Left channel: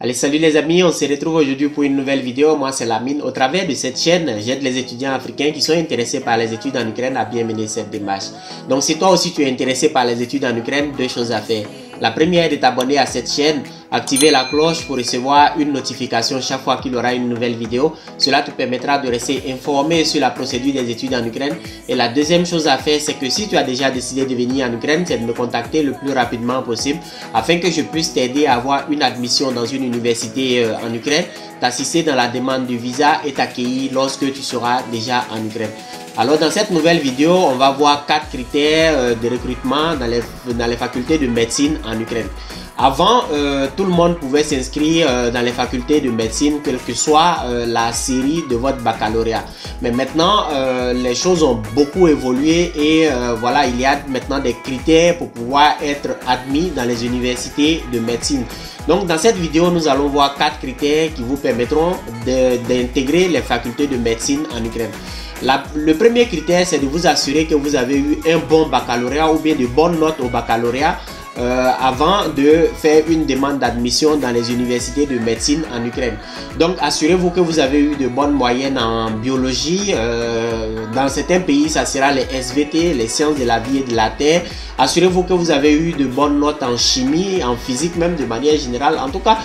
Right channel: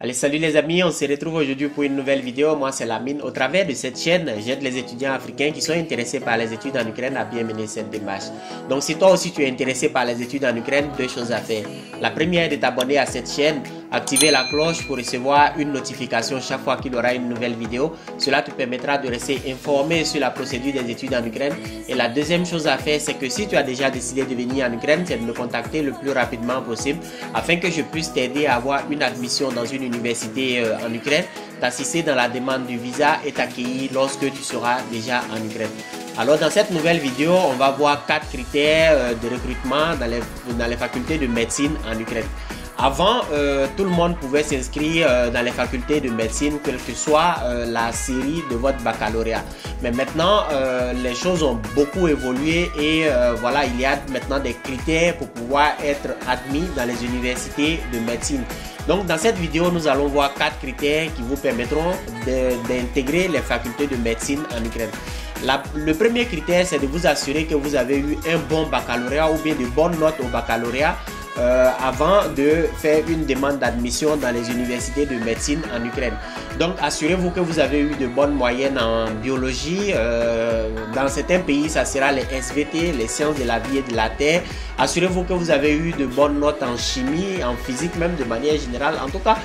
Allez, salut les amis, on se retrouve aujourd'hui pour une nouvelle vidéo. Moi, c'est Lamine. Au travers de cette chaîne, j'aide les étudiants africains qui sont intéressés par les études en Ukraine à bien mener cette démarche. Donc, si toi aussi tu es intéressé par les études en Ukraine, deux choses à faire. La première est de t'abonner à cette chaîne, activer la cloche pour recevoir une notification chaque fois qu'il y aura une nouvelle vidéo. Cela te permettra de rester informé sur la procédure des études en Ukraine. Et la deuxième chose à faire, c'est que si tu as déjà décidé de venir en Ukraine, c'est de me contacter le plus rapidement possible afin que je puisse t'aider à avoir une admission dans une université en Ukraine, t'assister dans la demande du visa et t'accueillir lorsque tu seras déjà en Ukraine. Alors dans cette nouvelle vidéo, on va voir 4 critères de recrutement dans les facultés de médecine en Ukraine. Avant, tout le monde pouvait s'inscrire dans les facultés de médecine, quelle que soit la série de votre baccalauréat. Mais maintenant, les choses ont beaucoup évolué et voilà, il y a maintenant des critères pour pouvoir être admis dans les universités de médecine. Donc dans cette vidéo, nous allons voir 4 critères qui vous permettront d'intégrer les facultés de médecine en Ukraine. Le premier critère, c'est de vous assurer que vous avez eu un bon baccalauréat ou bien de bonnes notes au baccalauréat avant de faire une demande d'admission dans les universités de médecine en Ukraine. Donc assurez-vous que vous avez eu de bonnes moyennes en biologie. Dans certains pays, ça sera les SVT, les sciences de la vie et de la terre. Assurez-vous que vous avez eu de bonnes notes en chimie, en physique même de manière générale. En tout cas,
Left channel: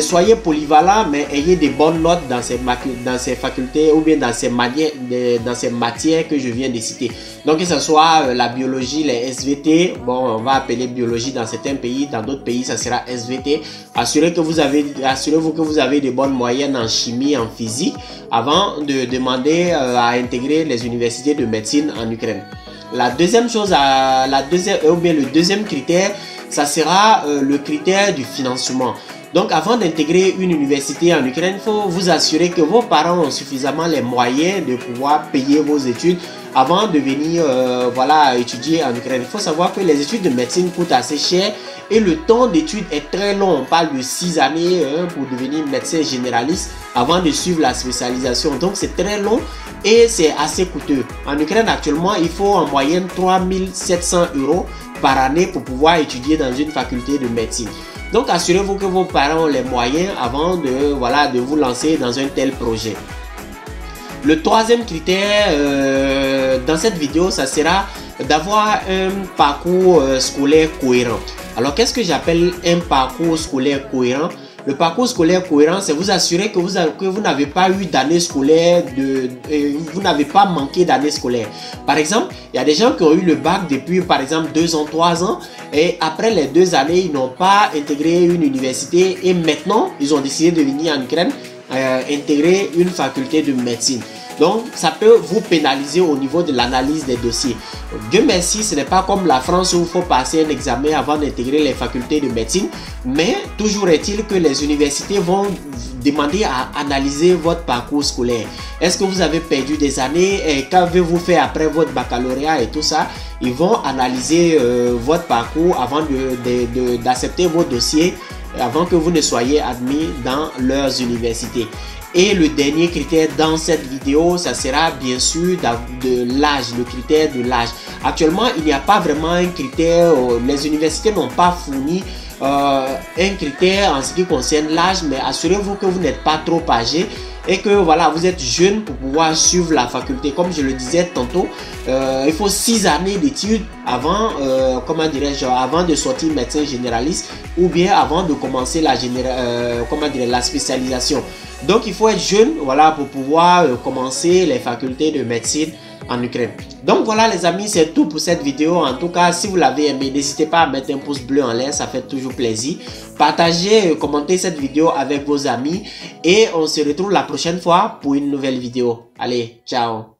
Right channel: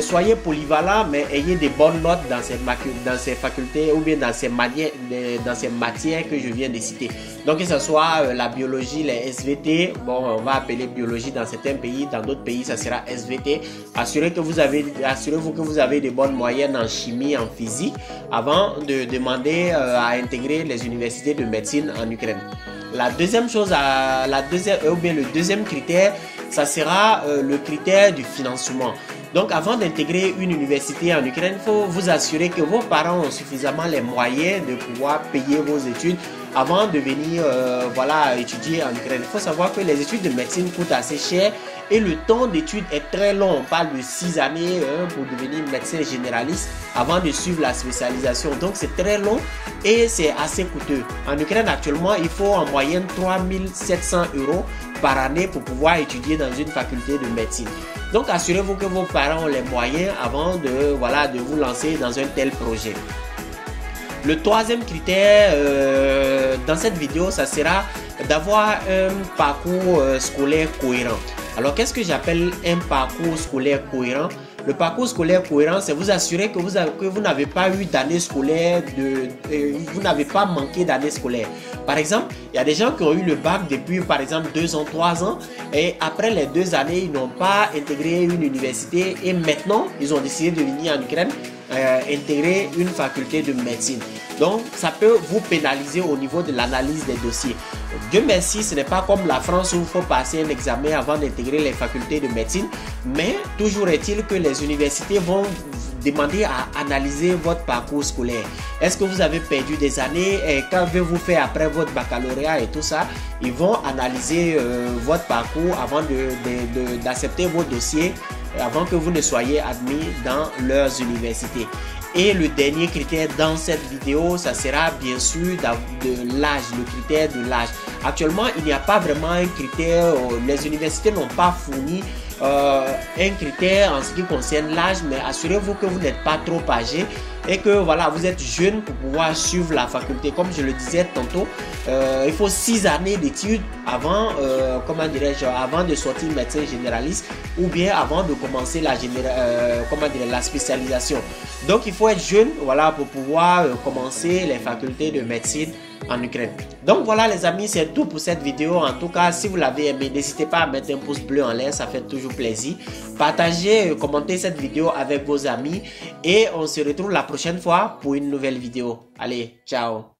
soyez polyvalent, mais ayez des bonnes notes dans ces facultés ou bien dans ces matières que je viens de citer. Donc que ce soit la biologie, les SVT, bon, on va appeler biologie dans certains pays, dans d'autres pays ça sera SVT. Assurez-vous que vous avez de bonnes moyennes en chimie, en physique, avant de demander à intégrer les universités de médecine en Ukraine. La deuxième chose, le deuxième critère, ça sera le critère du financement. Donc avant d'intégrer une université en Ukraine, il faut vous assurer que vos parents ont suffisamment les moyens de pouvoir payer vos études avant de venir étudier en Ukraine. Il faut savoir que les études de médecine coûtent assez cher et le temps d'études est très long. On parle de 6 années pour devenir médecin généraliste avant de suivre la spécialisation. Donc c'est très long et c'est assez coûteux. En Ukraine actuellement, il faut en moyenne 3700 € par année pour pouvoir étudier dans une faculté de médecine. Donc assurez-vous que vos parents ont les moyens avant de vous lancer dans un tel projet. Le troisième critère dans cette vidéo, ça sera d'avoir un parcours scolaire cohérent. Alors qu'est-ce que j'appelle un parcours scolaire cohérent? Le parcours scolaire cohérent, c'est vous assurer que vous n'avez pas eu d'année scolaire, vous n'avez pas manqué d'année scolaire. Par exemple, il y a des gens qui ont eu le bac depuis par exemple 2 ans, 3 ans et après les 2 années, ils n'ont pas intégré une université et maintenant, ils ont décidé de venir en Ukraine intégrer une faculté de médecine. Donc, ça peut vous pénaliser au niveau de l'analyse des dossiers. Dieu merci, ce n'est pas comme la France où il faut passer un examen avant d'intégrer les facultés de médecine. Mais toujours est-il que les universités vont demander à analyser votre parcours scolaire. Est-ce que vous avez perdu des années et qu'avez-vous fait après votre baccalauréat et tout ça? Ils vont analyser votre parcours avant d'accepter vos dossiers avant que vous ne soyez admis dans leurs universités. Et le dernier critère dans cette vidéo, ça sera bien sûr de l'âge, le critère de l'âge. Actuellement, il n'y a pas vraiment un critère, les universités n'ont pas fourni un critère en ce qui concerne l'âge, mais assurez-vous que vous n'êtes pas trop âgé et que voilà, vous êtes jeune pour pouvoir suivre la faculté. Comme je le disais tantôt, il faut 6 années d'études avant, avant de sortir médecin généraliste ou bien avant de commencer la spécialisation. Donc il faut être jeune, voilà, pour pouvoir commencer les facultés de médecine en Ukraine. Donc voilà les amis, c'est tout pour cette vidéo. En tout cas, si vous l'avez aimé, n'hésitez pas à mettre un pouce bleu en l'air, ça fait toujours plaisir. Partagez, commentez cette vidéo avec vos amis et on se retrouve la prochaine fois pour une nouvelle vidéo. Allez, ciao.